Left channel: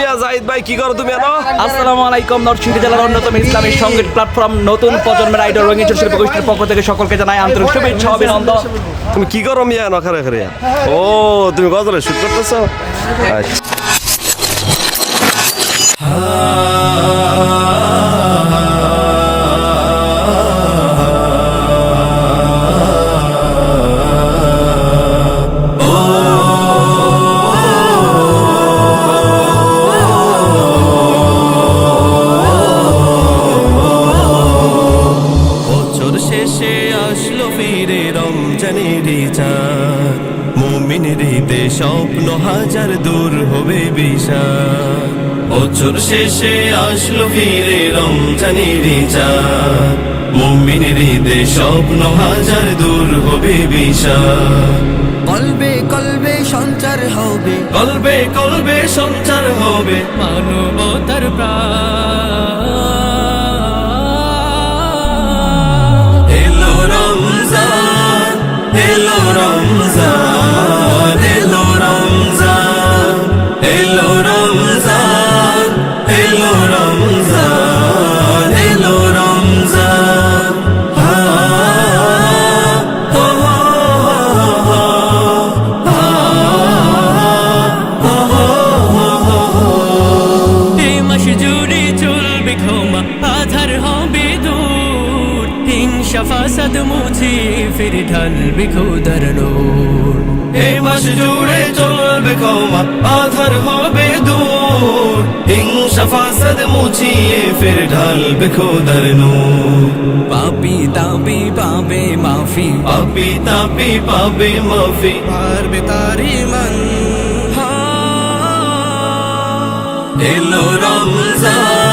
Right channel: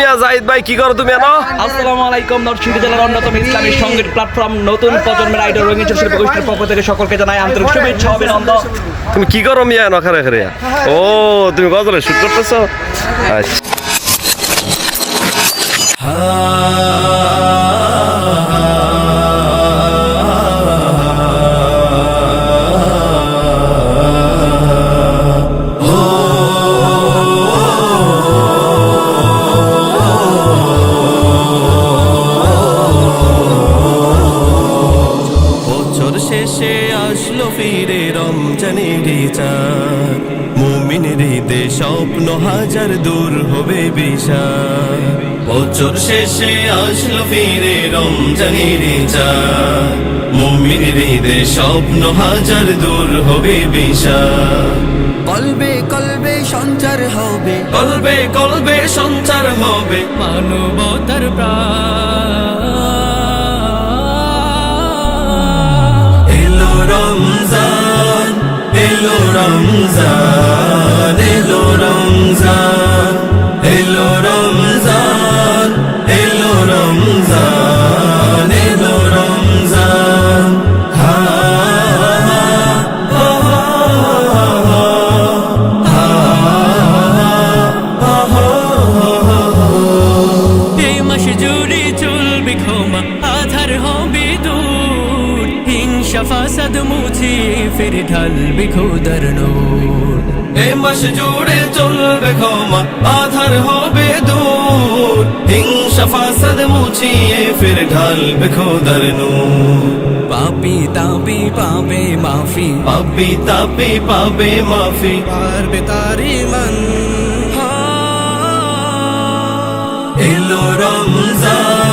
মিয়া জাহিদ ভাই কি করো তুমি এনো? আসসালামু আলাইকুম। নরসিংদী জেলার অন্যতম ইসলামী সংগীত প্ল্যাটফর্ম নতুন প্রজন্মের আইডল রঙিন শিল্প গোষ্ঠীর পক্ষ থেকে সকলকে জানাই আন্তরিক শুভেচ্ছা অভিনন্দন। তুমি কি করো মিয়া এনো খারে খারে? ও তুমি গজলে শুট করতেছো? আচ্ছা বছর শেষে আসলো ফিরে রমজানের চাঁদ, মুমিনের ঈদে স্বপ্ন হাজার দূর হবে বিষাদ। বছর শেষে আসলো ফিরে রমজানের চাঁদ, মুমিনের ঈদে স্বপ্ন হাজার দূর হবে বিষাদ। কলবে কলবে সঞ্চার হবে, কলবে কলবে সঞ্চার হবে মানবতার প্রাণ। এলো রমজান, এলো রমজান, এলো রমজান, এলো রমজান, এলো রমজান, এলো রমজান। এই মাস জুড়ে চলবে ক্ষমা, আধার হবে দূর, হিংসা ফাসাদ মুছিয়ে ফির ঢালবে খোদার নূর। এই মাস জুড়ে চলবে ক্ষমা, আধার হবে দূর, হিংসা ফাসাদ মুছিয়ে ফির ঢালবে খোদার নূর। পাপি তাপি পাবে মাফি, পাপি তাপি পাবে মাফি, পারবে তারি মান। এলো রমজান,